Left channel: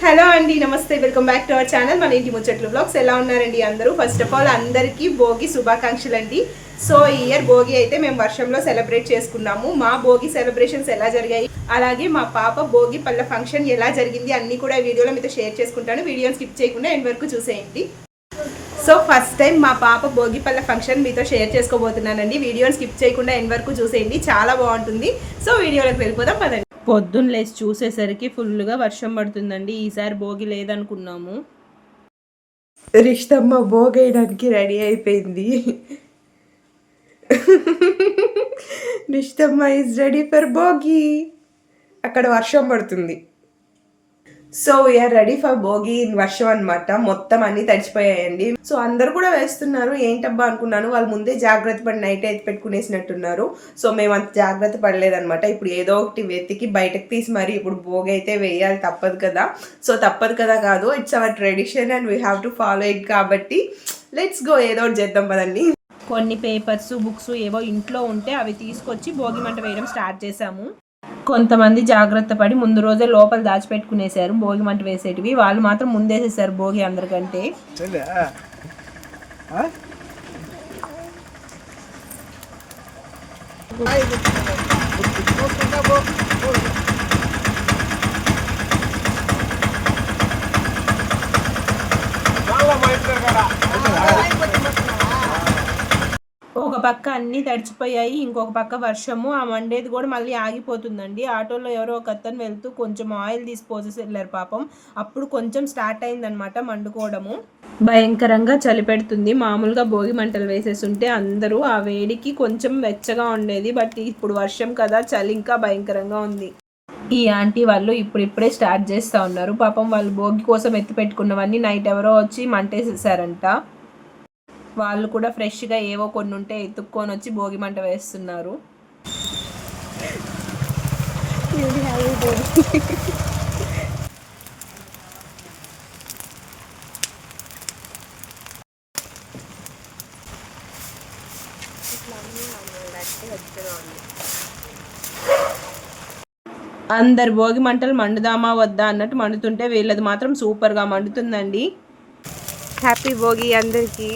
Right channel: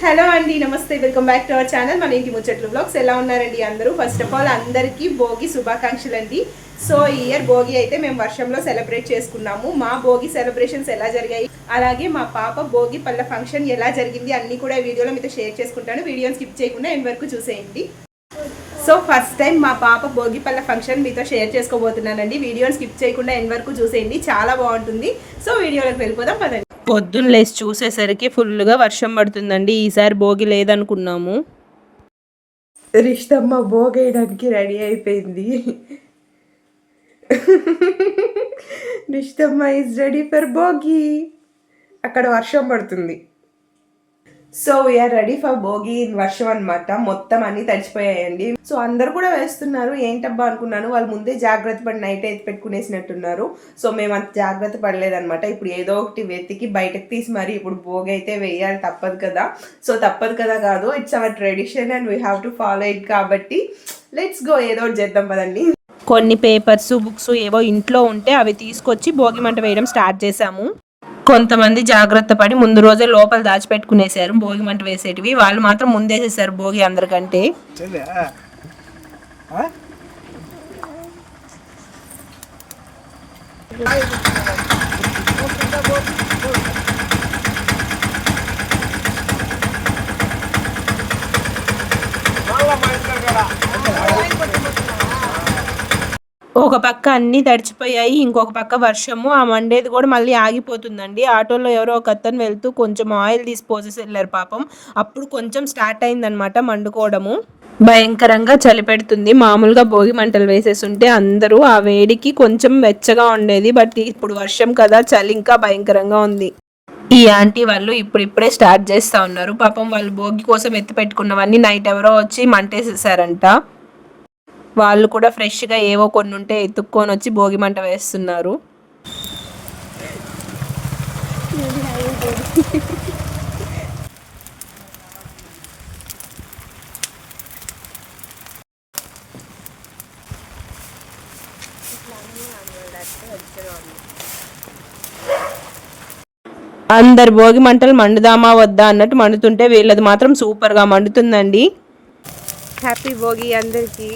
Hello అండి నమస్తే. Welcome back to our channel. మన ఇంటి ముచ్చట్లు బ్లాగ్స్. ఎలా ఉన్నారండి అందరూ? ఫస్ట్ ఆఫ్ ఆల్ అందరికీ భోగి శుభాకాంక్షలు అండి. సో ఈ ఇయర్ భోగి అయితే మేము వర్షంలో సెలబ్రేట్ చేసుకున్నాము. మా భోగి సెలబ్రేషన్స్ ఎలా జరిగాయి? అలాగే మా పాప భోగి పళ్ళ ఫంక్షన్ ఎలా జరిగింది అన్ని కూడా వీడియోలో మీతో షేర్ చేసుకుంటాను. వీడియోని స్కిప్ చేయకుండా ఎండ్ వరకు చూసేయండి. సో ఫస్ట్ టైం మా పాప భోగిపల్ల ఫంక్షన్ మీతో షేర్ చేసుకోబోతున్నానండి. వీడియోని స్కిప్ చేయకుండా ఎండ్ వరకు చూసేయండి. చాలా బాగుంటుంది. సో వీడియోలోకి వెళ్ళిపోదాం పదండి. పొద్దున్న లేచి చూసేసరికి ఫుల్గా వర్షం పడుతుందండి. ఈసారి భోగి లేదనుకున్నాము. రిష్టమ్మ భోగేయడానికి రెడీ అయిపోయింది. రిష్టమ్మ ఈజ్ రెడీ ఫర్ భోగి. అక్కడ వర్షం పడుతుంది. So we are ready for Bhogi in వర్షం అనమాట మొత్తం అన్ని తడిచిపోయాయండి. సో అందరు కూడా వేస్తున్నారు. ఏంటబ్బా అనుకున్నాను. వాళ్ళు ముందే జాగ్రత్త పడి నైట్ అయితే పెట్టుకునేసినట్టున్నారు. సో మేము అంత జాగ్రత్త పడలేదనమాట ఇప్పుడు ఏదో ఒకటి వెతికి బయటకు తీసి మరి ఇప్పుడు భోగి అయితే వేయాలి. తప్పదు కదా. సో తప్పదు కదా కాదు. It's our tradition and we have to follow it కాబట్టి లెట్స్ గో ఏదో ఒకటి చేద్దాం పదండి. కొన్ని పేపర్స్ బుక్స్ ఏవో ఇంట్లో ఉంటే అవి తీసుకొచ్చి భోగి మంట వేయడం స్టార్ట్ చేశాము. కొంతమంది జాగ్రత్త పడి ముందు రోజే లోపల దాచిపెట్టుకునేసారు భోగి మంట వేసేటివి. వాళ్ళు మాత్రం ముందేసేసారు భోగి అందరికంటే. ఒక పక్క అన్నీ తడిచిపోయాయి. ఇంకొక పక్క వర్షము ఆ మండేది కూడా మళ్ళీ ఆగిపోతుందండి. ఆటోలో ఎవరో ఒక అతను వెళ్తూ కొంచెం ఆయిల్ తీసి పోసేసి వెళ్ళారు పాపం. అప్పుడు కొంచెం స్టార్ట్ అయిందనమాట మండుకోవడము. భయంకరంగా చలి పెడుతుంది. మామూలుగా భోగి మంటలు వేసేస్తుంటే అందరూ ఆ వేడికి కొంచెం వెచ్చగా ఉండేది. బట్ ఇప్పుడు వర్షం కదా చలి ఇంకా భయంకరంగా ఉంది. ఈ ఆంటీ వాళ్ళు ఇప్పుడిప్పుడే స్టార్ట్ చేస్తా ఉన్నారు. పాపం వాళ్ళు భోగి కోసం ఎత్తి పెట్టుకున్నవన్నీ నైట్ ఎవరో వచ్చి మంటేసేసారంట. వాళ్ళు కూడా ఫ్రెష్గా ఏవో కొన్ని ఉంటే ఎత్తుక్కొని వచ్చి భోగి మంట వేస్తున్నారు. అందరు భోగి మంటలు మండుదామా వద్దా అన్నట్టు మండుతుంటే వీళ్ళది మాత్రం సూపర్గా మండుతుందండి. హ్యాపీ భోగి అందరికీ.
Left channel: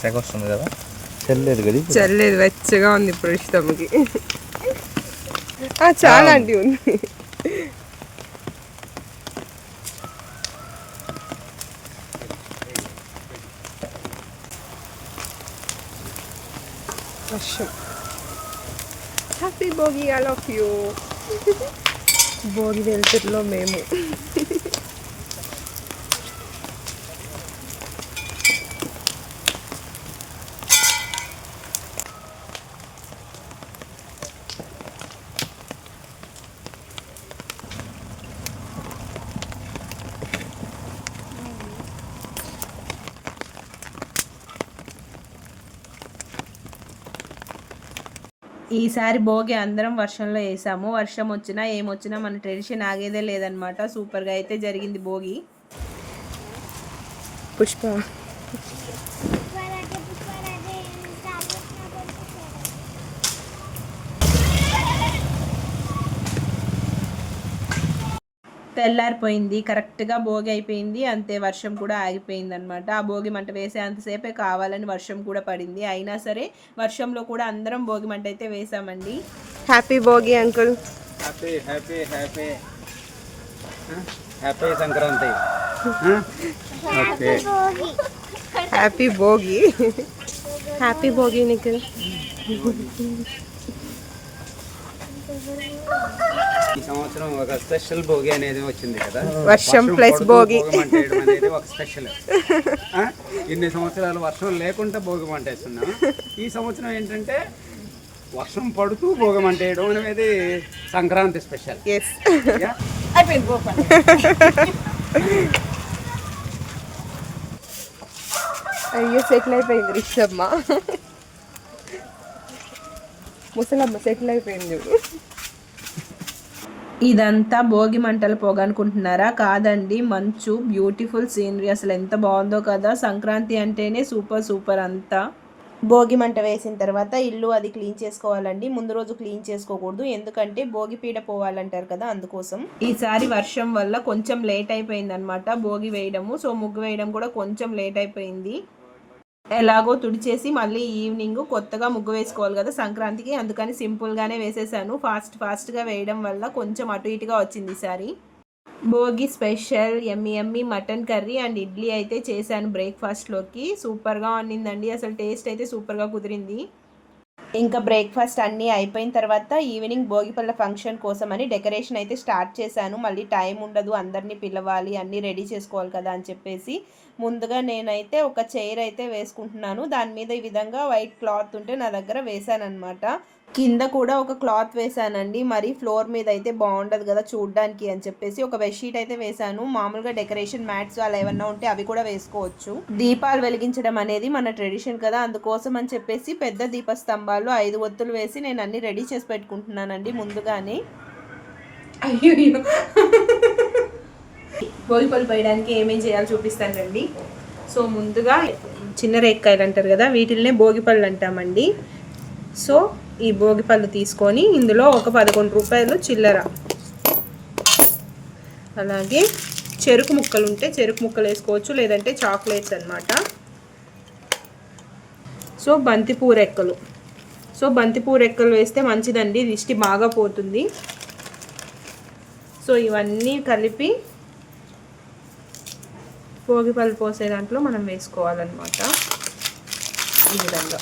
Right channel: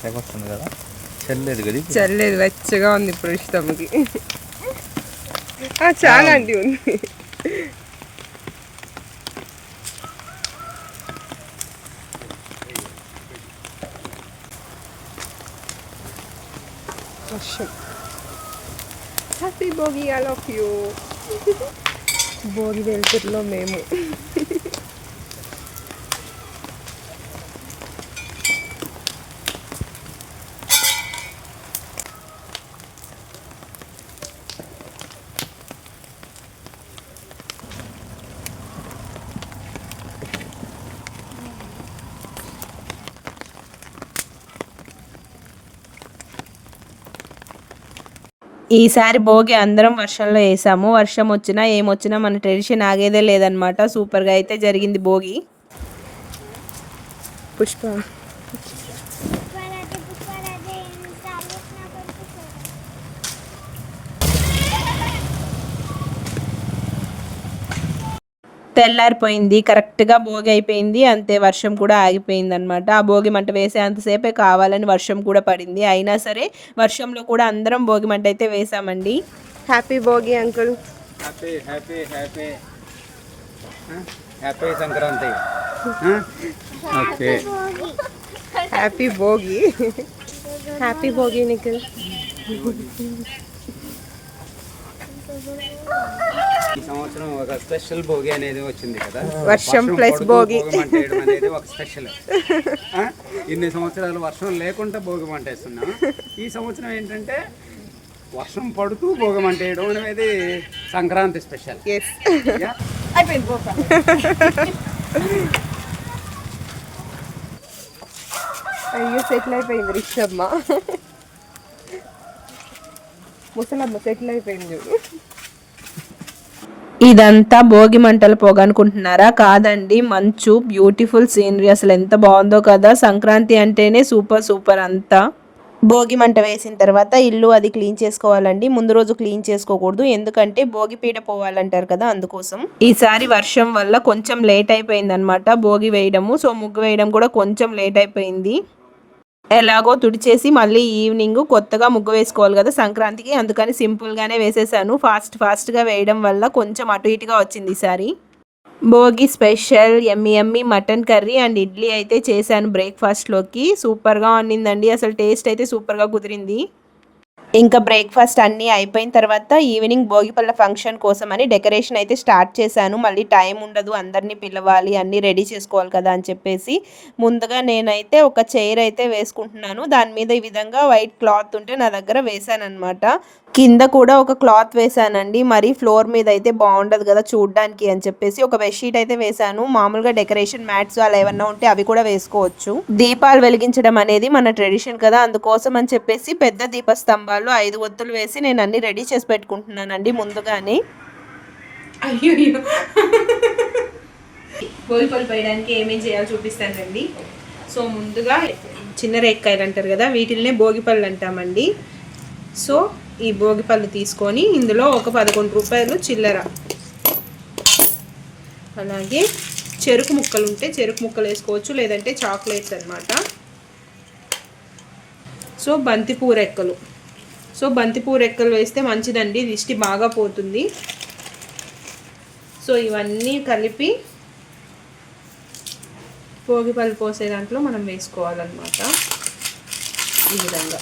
సెగ వస్తుంది కదా చెల్లేదు కదా చల్లేదు వెచ్చగా ఉంది ఇప్పుడు ఇష్టంకి చాలా అండి ఉంది వర్షం happy Bhogi I love you Bhogi వెలుతురులో మేము ఈసారి భోగి అందరం వర్షంలో వేసాము. వర్షం వచ్చినా ఏమొచ్చినా మన ట్రెడిషన్ ఆగేదే లేదనమాట సూపర్గా అయితే జరిగింది భోగి. పుష్ప. తెల్లారిపోయింది కరెక్ట్గా భోగి అయిపోయింది అంతే వర్షం కూడా ఆగిపోయింది అనమాట ఆ భోగి మంట వేసే అంతసేపే కావాలని వర్షం కూడా పడింది. అయినా సరే వర్షంలో కూడా అందరం భోగి మంట అయితే వేసామండి. Happy Bhogi uncle. Happy happy happy. Happy Sankranti. Okay. Happy Bhogi. Happy Bhogi Nikhil. ఈ సంవత్సరం ఒక స్పెషల్ భోగి అనేది వచ్చింది కదా. వర్షం పడుతూ భోగి. మంట వేయడం అనేది ఒక స్పెషల్? ఇన్ని సంవత్సరాలు వర్షం లేకుండా భోగి మంట వేస్తున్నాం ఈ సంవత్సరం ఏంటంటే వర్షం పడుతూ భోగి మంట వేయడం అనేది సంక్రాంతి స్పెషల్? అయ్యో? సెటిల్ అయిపోయింది రిషమ్మ. ముసలమ్మ సెటిల్ అయిపోయింది చూడు. ఇదంతా భోగి మంటల పొగ అనుకుంటున్నారా? కాదండి. మంచు బ్యూటిఫుల్ సీనరీ అసలు ఎంత బాగుందో కదా. సంక్రాంతి అంటేనే సూపర్ సూపర్ అంతా. భోగి మంట వేసిన తర్వాత ఇల్లు అది క్లీన్ చేసుకోవాలండి. ముందు రోజు క్లీన్ చేసుకోకూడదు. ఎందుకంటే భోగి పీడ పోవాలంటారు కదా అందుకోసం. ఈసారి వర్షం వల్ల కొంచెం లేట్ అయిపోయింది అనమాట భోగి వేయడము. సో ముగ్గు వేయడం కూడా కొంచెం లేట్ అయిపోయింది. ఎలాగో తుడిచేసి మళ్ళీ ఈవినింగ్ కొత్తగా ముగ్గు వేసుకోవాలి కదా సంక్రాంతికి. అందుకని సింపుల్గానే వేసేసాను. ఫాస్ట్ ఫాస్ట్గా వేయడం వల్ల కొంచెం అటు ఇటుగా వచ్చింది ఈసారి భోగి స్పెషల్ ఎమ్మి ఎమ్మి మటన్ కర్రీ అండ్ ఇడ్లీ అయితే చేశాను బ్రేక్ఫాస్ట్లోకి సూపర్గా ఉన్నిందండి అసలు టేస్ట్ అయితే సూపర్గా కుదిరింది. ఇంకా బ్రేక్ఫాస్ట్ అన్నీ అయిపోయిన తర్వాత ఈవినింగ్ భోగిపల్ల ఫంక్షన్ కోసం అని డెకరేషన్ అయితే స్టార్ట్ చేశాను. మళ్ళీ టైం ఉండదు అందరినీ పిలవాలి అన్నీ రెడీ చేసుకోవాలి కదా అని చెప్పేసి. ముందుగా నేనైతే ఒక చైర్ అయితే వేసుకుంటున్నాను. దాని మీద ఈ విధంగా వైట్ క్లాత్ ఉంటే నా దగ్గర వేసాను కింద కూడా ఒక క్లాత్ వేశానండి. మరి ఫ్లోర్ మీద అయితే బాగుండదు కదా చూడడానికి అని చెప్పేసి ఒక బెడ్షీట్ అయితే వేసాను మామూలుగా డెకరేషన్ మ్యాట్స్ అలా ఏమన్నా ఉంటే అవి కూడా వేసుకోవచ్చు. దీపాలు వెలిగించడం అనేది మన ట్రెడిషన్ కదా. అందుకోసం అని చెప్పేసి పెద్ద దీపస్తంభాలు ఐదు ఒత్తులు వేసి నేను అన్ని రెడీ చేసి పెట్టుకుంటున్నానండి ముందుగానే. అయ్యో. భోగిపళ్ళు పోయడానికి ఏమేం చేయాలో చూపిస్తానండి. సో ముందుగా చిన్న రేక్కాయలు అంటారు కదా వీటిల్నే భోగిపళ్ళు అంటామండి. సో ఈ భోగిపళ్ళు తీసుకొని ఇందులో ఒక పదకొండు రూపాయలు చిల్లర. అలాగే చెరుకు ముక్కలు ఉంటే చెరుకు ముక్కలు వేసుకోవచ్చు లేదంటే చాక్లెట్స్ అన్నమాట. సో బంతిపూ రెక్కలు సో బంతిపూ రెక్కలు వేస్తే మంచిదండి. దిష్టి బాగా పోతుంది. సో ఇవన్నీ కలిపి భోగిపళ్ళు పోసే దాంట్లో మనం వేసుకోవాలన్నమాట. ఈ విధంగా.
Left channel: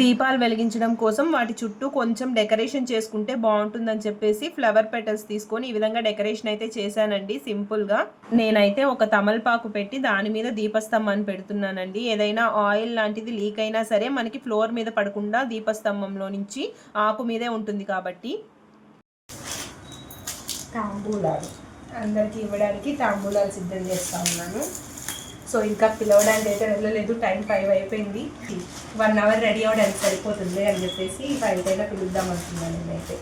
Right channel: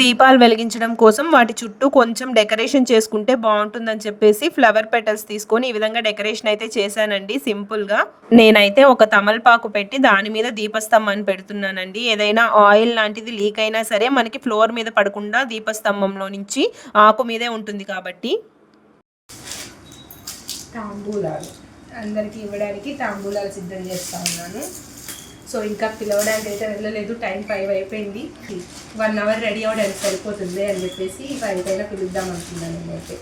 దీపాలు వెలిగించడం కోసం వాటి చుట్టూ కొంచెం డెకరేషన్ చేసుకుంటే బాగుంటుందని చెప్పేసి ఫ్లవర్ పెటల్స్ తీసుకొని ఈ విధంగా డెకరేషన్ అయితే చేశానండి సింపుల్గా. నేనైతే ఒక తమలపాకు పెట్టి దాని మీద దీపస్తంభాన్ని పెడుతున్నానండి. ఏదైనా ఆయిల్ లాంటిది లీక్ అయినా సరే మనకి ఫ్లోర్ మీద పడకుండా దీపస్తంభంలో నుంచి ఆకు మీదే ఉంటుంది కాబట్టి. తాంబూలాలు. అందరికీ ఇవ్వడానికి తాంబూలాలు సిద్ధం చేస్తా ఉన్నాను. సో ఇంకా పిలవడానికి అయితే వెళ్ళలేదు. టైం ఫైవ్ అయిపోయింది. వన్ అవర్ రెడీ అవ్వడానికి సరిపోతుంది అని చెప్పేసి ఫైవ్ అయినా పిలుద్దాం అనుకున్నాను నేనైతే.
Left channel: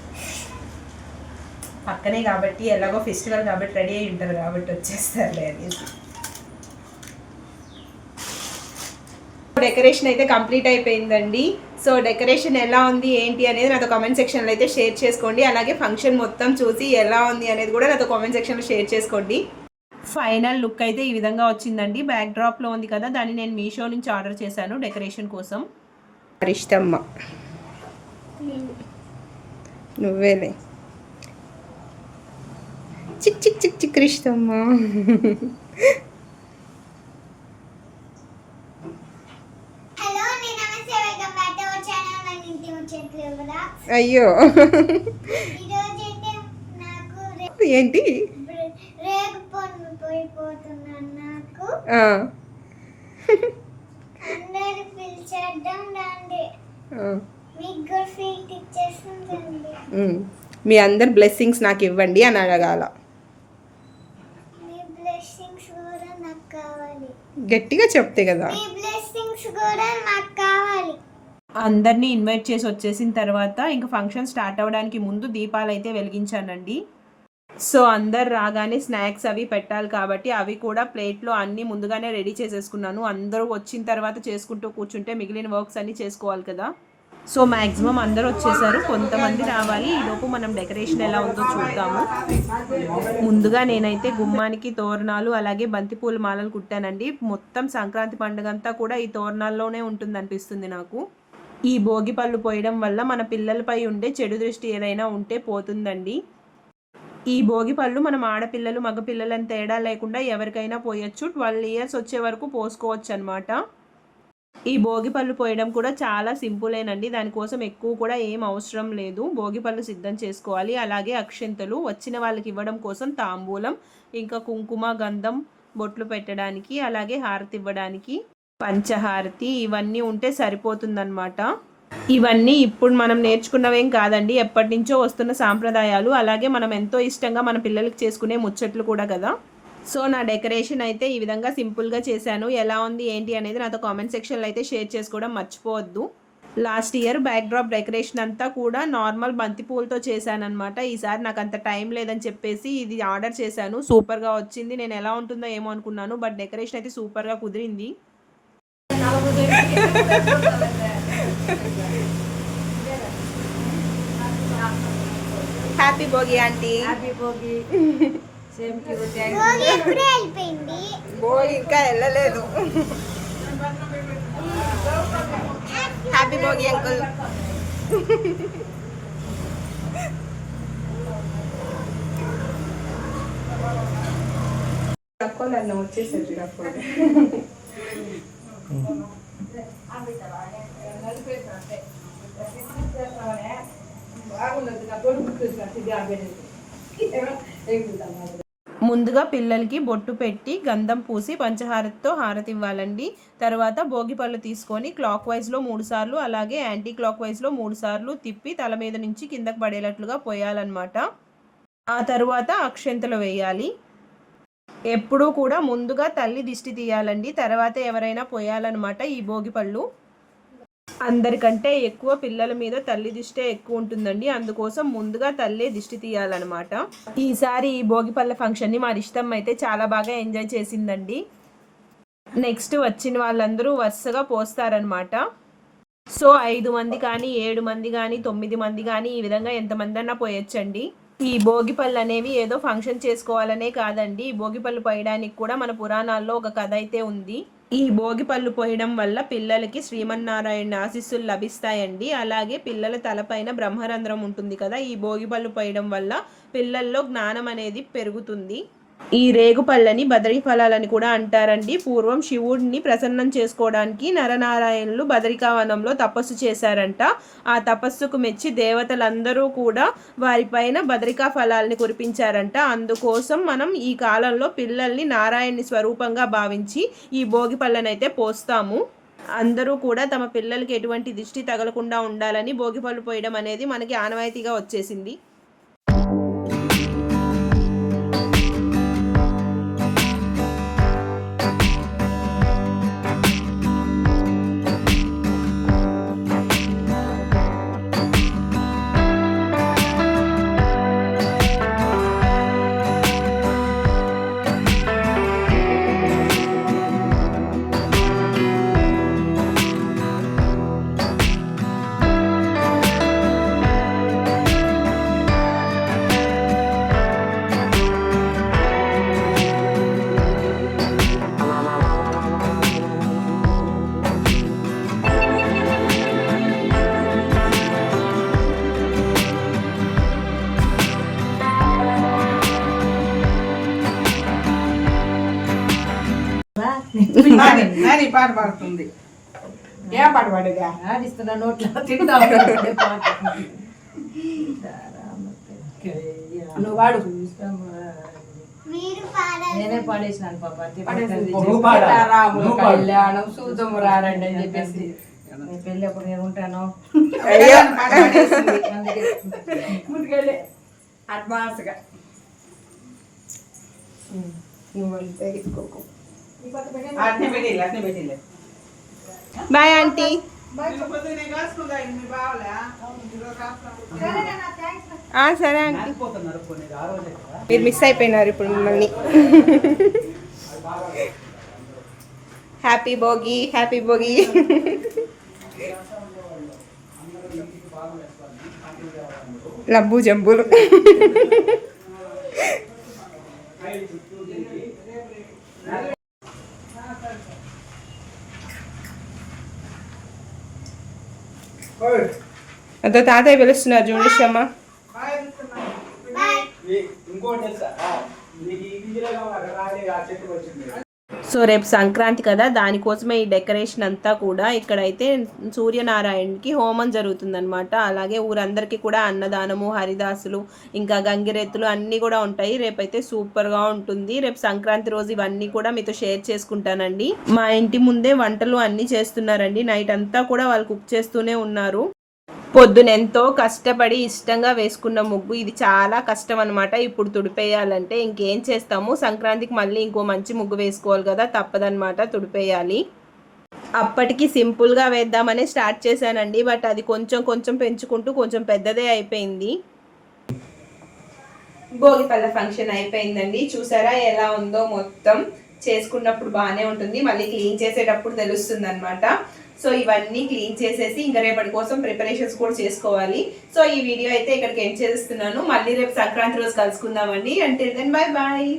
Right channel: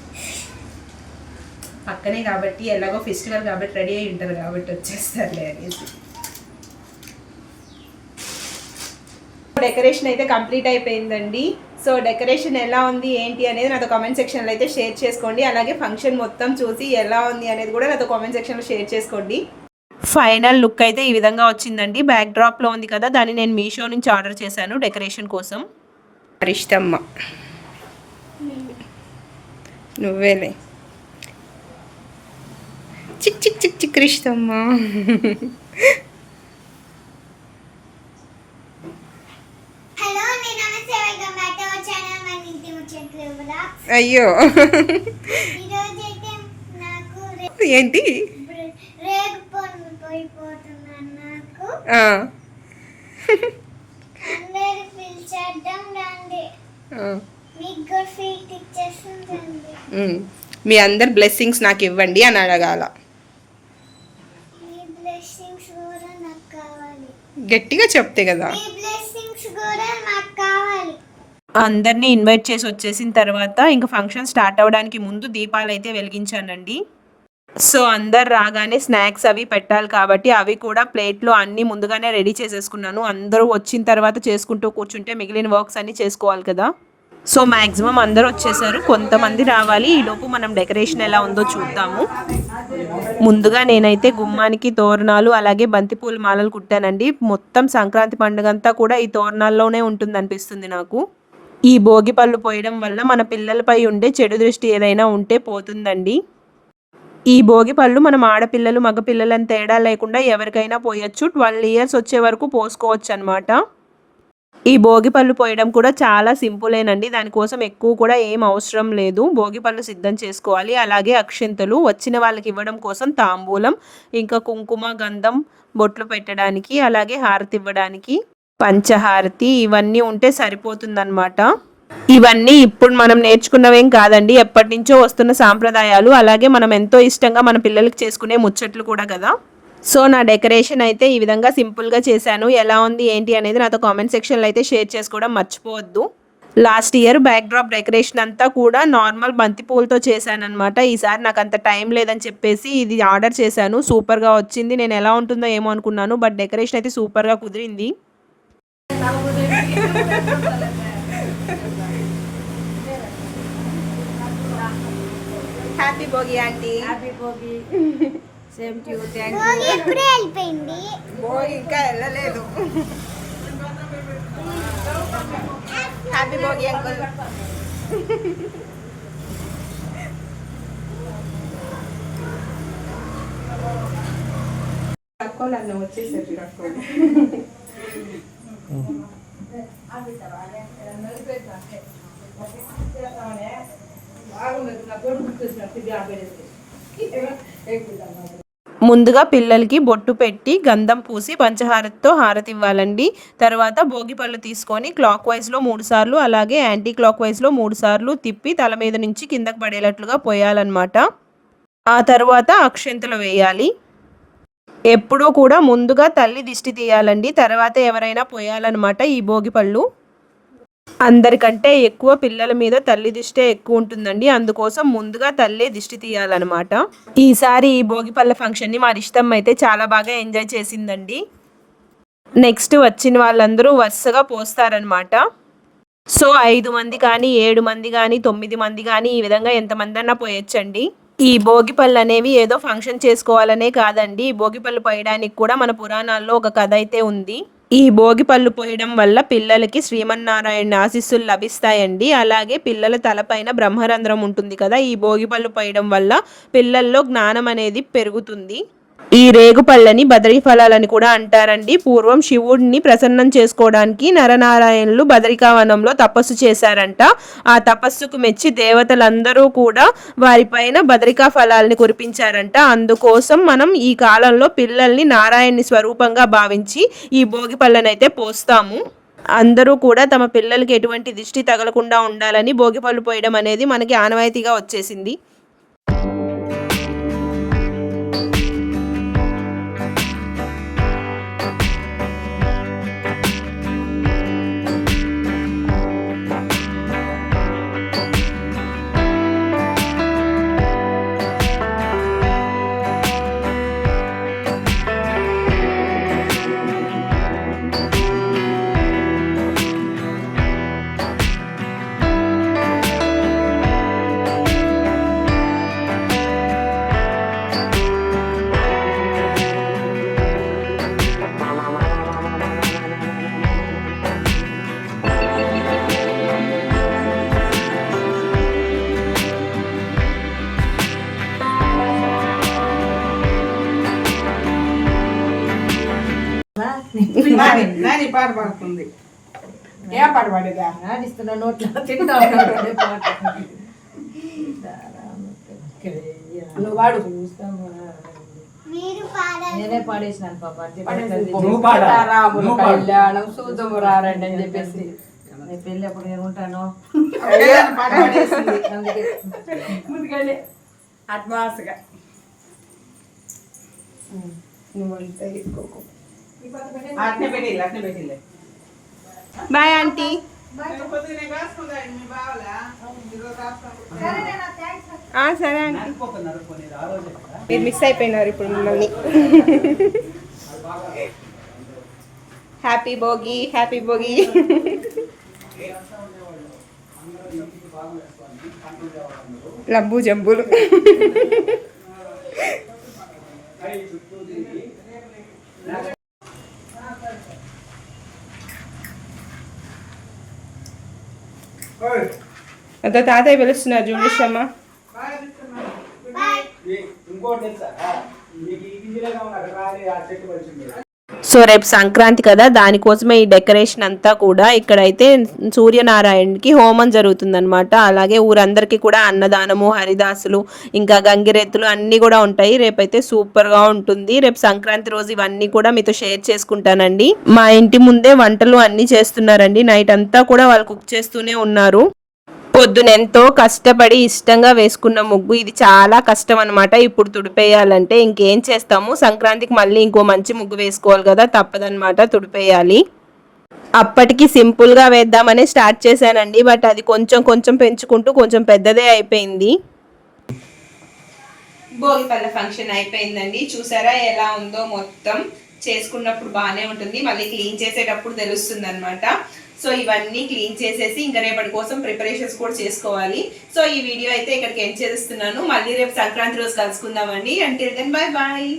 పక్కనే కాబట్టి ఎలాగో ఫెస్టివల్ కాబట్టి రెడీ అయి ఉంటారు కాబట్టి వచ్చేస్తారులే అనేసి. డెకరేషన్ అయితే కంప్లీట్ అయిపోయిందండి. సో డెకరేషన్ ఎలా ఉంది ఏంటి అనేది నాతో కామెంట్ సెక్షన్లో అయితే షేర్ చేసుకోండి. అలాగే ఫంక్షన్ మొత్తం చూసి ఎలా ఉంది అనేది కూడా నాతో కామెంట్ సెక్షన్లో షేర్ చేసుకోండి. ఫైనల్ లుక్ అయితే ఈ విధంగా వచ్చిందండి. బ్యాక్ డ్రాప్లో ఉంది కదా దాన్ని నేను మీషో నుంచి ఆర్డర్ చేశాను డెకరేషన్ కోసం. ఇష్టమ్మ నువ్వేలే. చిక్ చిక్ చిక్ చిక్ ఇష్టమ్మ హలో నేను మీ అందరు బ్లెస్సింగ్స్ నాకు ఇవ్వండి అని అడగాల. మీ బ్లెస్సింగ్స్ కూడా నాకు కావాలి. గట్టిగా చెప్తే కదా. మీ బ్లెస్సింగ్స్ కూడా నాకు కావాలి. అందరినీ ఇన్వైట్ చేసి వచ్చేసిన తర్వాత ఇంకా ఫంక్షన్ స్టార్ట్ అవ్వడానికి ముందు దీపాలు అయితే వెలిగించానండి. సో అందరు రాగానే స్నాక్స్ అవి పెట్టాలి కాబట్టి అవి కూడా ప్లేట్లో అన్నీ ముందుగానే రెడీ చేసేసుకున్నాను. అందరూ వచ్చిన తర్వాత చేసుకుంటూ కూర్చుంటే మిగిలిన వర్క్స్ అన్నీ చేసుకోవాలి కదా. సో మ్యాక్సిమం అందరూ వచ్చేసారు. కొంతమంది రావాలి. ఈలోపు మనం డెకరేషన్ ఎలా ఉందో చూద్దాము. ముందుగా నేనైతే గుమ్మానికి తోరణాలు అలాగే బంతిపూల మాలలు కుట్టానండి. మొత్తం సంక్రాంతి పండుగ అంతా కూడా ఈ తోరణాల్లోనే ఉంటుంది అనిపిస్తుంది నాకు. ఈ భోగి పళ్ళు పోయడం వల్ల మన పిల్లలపై ఉండే చెడు దృష్టి ఏదైనా ఉంటే పోతుందండి. ఈ భోగి పళ్ళు మనం ఆడపిల్లలు మగపిల్లలు అని తేడా లేకుండా ఎవరికైనా పోయొచ్చు. ట్వెల్వ్ ఇయర్స్ వచ్చే వరకు పోసుకోవచ్చు అనమాట ఈ భోగి పళ్ళు పోయడం కూడా చాలా సింపులేనండి. దానికోసం ఎక్కువ కూడా ఏం అవసరం లేదు. భోగి పళ్ళు సిద్ధం చేసుకోవాలి. అలాగే అక్షింతలు వచ్చిన వాళ్ళకి ఇవ్వడం కోసం తాంబూలం ఇంకా కుంకుమ గంధం బొట్లు పెట్టడానికి అలాగే హారతి ఇవ్వడానికి పంచహారతి ఇవన్నీ ఉంటే సరిపోతుందన్నమాట. ఇవన్నీ ఇప్పుడు మనం నేర్చుకున్నవేం కాదండి. ఎప్పటి నుంచో వస్తున్న సాంప్రదాయాలు. అలాగే మనం ఎంతో ఇష్టంగా మన పిల్లలకి చేసుకునే ముచ్చట్లు కూడా కదా. సో నా డెకరేషన్ అయితే ఈ విధంగా సింపుల్గా చేశాను. ఎలా ఉంది ఏంటి అనేది నాతో కామెంట్ సెక్షన్లో అయితే షేర్ చేసుకోవడం మర్చిపోవద్దు. Last year backdrop decoration అంతా కూడా నార్మల్ బంతి పూలతో చేశాను అనమాట ఈసారి నాకు అంత టైం లేదని చెప్పేసి ఇది ఆర్డర్ చేశాను. సూపర్గా వచ్చింది. నేను ఎలా ఉంటుందో ఏమో అనుకున్నాను. బట్ డెకరేషన్ అయితే సూపర్గా కుదిరింది. Happy Bhogi aunty happy Bhogi same to వెళ్ళిపోయింది. భోగి ఇంకా వెళ్ళలేదు. హ్యాపీ భోగి అంకుల్ నన్ను వచ్చేసరికి అక్కో ముందుగా పిల్లలకి బొట్టు పెట్టి గంధం పూసి పంచహారతితో హారతి ఇవ్వాలండి తర్వాత భోగి పళ్ళు తీసుకొని క్లాక్ వైజ్లో మూడు సార్లు అలాగే యాంటీ క్లాక్ వైజ్లో మూడు సార్లు తిప్పి తల మీద నుంచి కిందకి పడేటట్లుగా పోయాలన్నమాట. ఆ తర్వాత అక్షంతలు వేయాలి. ఎప్పుడూ కూడా ముందుగా తల్లి దిష్టి తీయాలండి. తర్వాత ఎవరైనా పోయాలన్నమాట ఈ భోగి పళ్ళు. అందరికంటే ఎక్కువ పిల్లల మీద తల్లి దిష్టే ఎక్కువ ఉంటుందండి. అందుకోసం ముందుగా తల్లే దిష్టి తీయాలన్నమాట. ఈసారి ఈ భోగిపల్ల ఫంక్షన్ని మా ఇష్టం అయితే చాలా బాగా ఎంజాయ్ చేసిందండి. నెక్స్ట్ వచ్చిన వాళ్ళందరూ వరుసగా పోస్తారనమాట సో ఐదు మంది కానీ ఏడు మంది కానీ తొమ్మిది మంది కానీ ఈ విధంగా ఎంతమంది అన్నా పోయొచ్చండి. ఈ భోగిపళ్ళు అనేవి ఏదో ఫంక్షన్ చేసుకోవాలనే కాదండి. ఈ భోగిపళ్ళు పోయడానికి కూడా మన పురాణాల్లో ఒక కథ అయితే ఉంది. ఈ భోగిపళ్ళు పోయడం వల్ల పిల్లలకి శ్రీమన్నారాయణ ఆశీస్సులు లభిస్తాయండి. అలాగే పిల్లల తలపైన బ్రహ్మరంధ్రం ఉంటుంది కదా ఈ భోగిపళ్ళు పోయడం వల్ల పిల్లల్లో జ్ఞానం అనేది పెరుగుతుంది. ఈ రేగుపళ్ళని బదరీ ఫలాలని కూడా అంటారండి. పూర్వం శివుడిని ప్రసన్నం చేసుకోవడానికి నరనారాయణులు బదరికావనంలో తపస్సు చేశారంట. ఆ తపస్సుకు మెచ్చి దేవతలందరూ కూడా వారిపైన బదరికా ఫలాలని కురిపించారంట. అందుకోసం మనం ఈ కాలంలో పిల్లల్ని నారాయణని స్వరూపంగా భావించి ఈ భోగి పళ్ళనైతే పోస్తాము. అందరూ కూడా తమ పిల్లలకి ఎటువంటి దిష్టి తగలకుండా ఉండాలని భోగిపళ్ళు పోయడం అనేది మనకి ఆనవాయితీగా వచ్చేసింది. నాని పాట పాడుతుంది. ఏ పాట పాడుగా? ఆడిస్తున్న నోట్లో తింటా నువ్వు పాడాలి. నేనే పాడేసినాను పాప. కళ్యాణం సూతము రారండి అని చెప్పేసి. నీ పెళ్ళి అప్పుడు నేను ఉంటాను. ముందుకెళ్ళి. అడ్వాన్స్గా అట్నే అట్నే బాయ్ ఆంటీ. సరే ఆంటీ. మీరు మిస్ అయిపోయినారు ఇప్పుడు మిమ్మల్ని. Happy Bhogi happy Bhogi. లబ్బు జంబులు అంత తాతయ్య పిలుస్తున్నారు చూడేసమ్మ ఈ- ఇంకోటి తెలుసా ఆ, మీకు ఈ గింజలే కావాలి అక్కడ అంత తాతయ్య పిలుస్తున్నారు వచ్చింది సో రేపు సంక్రాంతి కదా దానికోసమే ఈ డెకరేషన్ అంతా కూడా ఇక్కడైతే సూర్యనారాయణకి హోమం జరుగుతుందనమాట అలాగే ఊరందరికీ కూడా అన్నదానము హరిదాసులు ఇంకా గంగిరెత్తులు అన్నీ కూడా ఉంటాయి. రేపైతే సూపర్గా ఉంటుంది. రేపు సంక్రాంతి రోజు ఇవన్నీ కూడా మీతో షేర్ చేసుకుంటానండి. మా ఇంటి ముందే వంటలు అన్నీ చేస్తున్నారండి. నైట్ అంతా కూడా వాళ్ళు కుక్ చేస్తూనే ఉన్నారు. పొద్దునెంతో కష్టపడి ఇష్టంగా వేసుకున్న ముగ్గు. ఇది చాలా కష్టం అనమాట ఇప్పుడు తుడిపేయాలంటే ఇంకేం చేస్తాము? సంక్రాంతికి మళ్ళీ ఇంకో మంచి ముగ్గు వేసుకోవాలి కదా తప్పదనమాట తుడిపేయాలి. అప్పటికి సింపుల్గా వేద్దామని స్టార్ట్ చేశానండి. బట్ అది కొంచెం కొంచెం పెంచుకుంటూ కొంచెం పెద్దదే అయిపోయింది. భోగి పళ్ళ ఫంక్షన్ అయిపోయిందండి. చూసారా ఎలా ఉందో మొత్తం. చేసుకున్నప్పుడు బాగానే ఉంటుంది. మళ్ళీ క్లీన్ చేసేటప్పుడు తెలుస్తుంది అనమాట సో ఇవన్నీ క్లీన్ చేసేసి ఇంకా రేపటి కోసం ప్రిపరేషన్స్ కూడా చేసుకోవాలి. సో ఈ వీడియో అయితే ఇక్కడికి ఎండ్ చేస్తున్నాను. మళ్ళీ రేపు సంక్రాంతి రోజు కలుసుకుందామండి. అంటే దెన్ బాయ్ బాయ్